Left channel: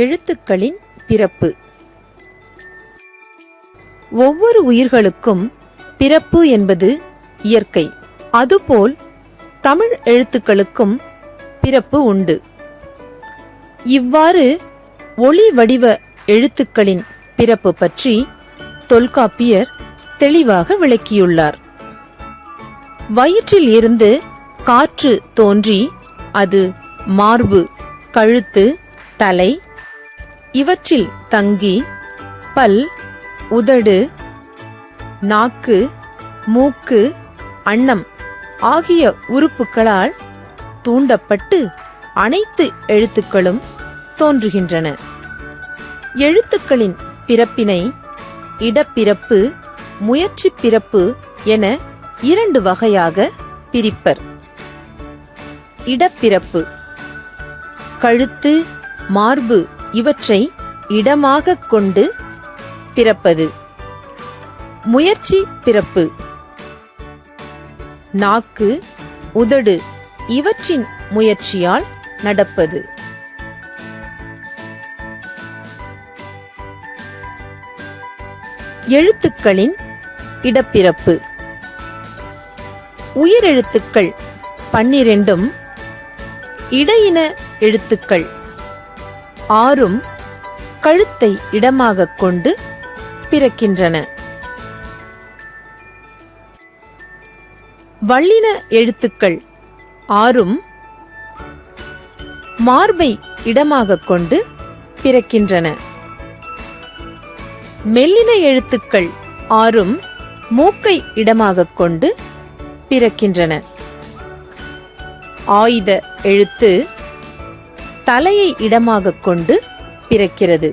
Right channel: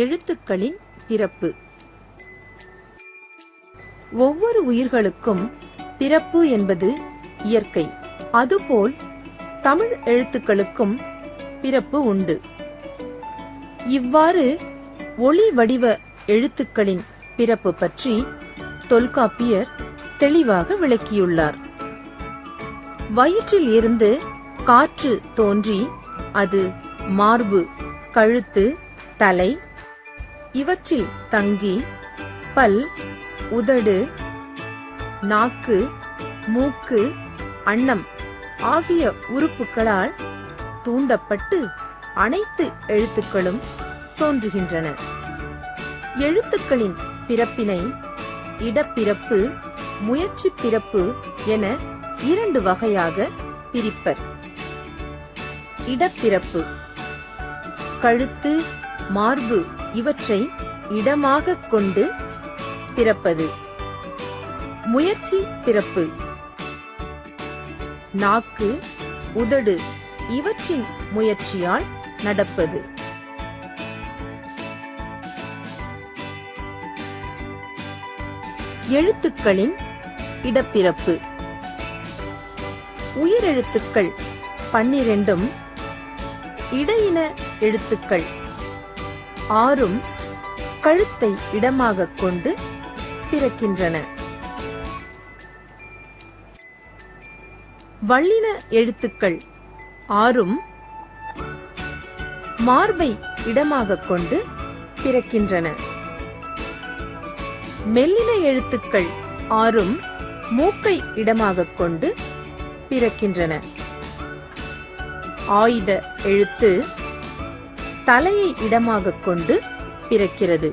எழுத்துக்களின் பிறப்பு. ஒவ்வொரு உயிர்களுக்கும் பிறப்பு என்பது இயற்கை. அதுபோல் தமிழ் எழுத்துக்களுக்கும் பிறப்பு உண்டு. இவ்வாறு ஒளி வடிவ எழுத்துக்களின் பிறப்பு பற்றி தொல்காப்பியர் தெளிவாக விளக்கியுள்ளார். வயிற்றில் இருந்து காற்று தோன்றி அது மார்பு, கழுத்து, தலை இவற்றில் தங்கி பல், உதடு, நாக்கு, மூக்கு, அன்னம் ஆகிய உறுப்புகளால் தூண்டப்பட்டு அனைத்து எழுத்துக்களும் தோன்றுகின்றன. எழுத்துக்களின் பிறப்பினை இடப்பிறப்பு, முயற்சி பிறப்பு என 2 வகையாக பிரிப்பர். இடப்பிறப்பு கழுத்து, மார்பு இவற்றை இடமாக கொண்டு பிறப்பது. முயற்சி பிறப்பு நாக்கு, உதடு இவற்றின் முயற்சியால் நடப்பது. எழுத்துக்களின் இடப்பிறப்பு. உயிரெழுத்துக்கள் 12ம் இடையின எழுத்துக்கள் 6ம் கழுத்தை இடமாக கொண்டு பிறக்கின்றன. வல்லின எழுத்துக்கள் 6ம் மார்பை இடமாக கொண்டு பிறக்கின்றன. மெல்லின எழுத்துக்கள் 6ம் மூக்கை இடமாக கொண்டு பிறக்கின்றன. ஆயுத எழுத்து தலையை இடமாக கொண்டு பிறக்கிறது.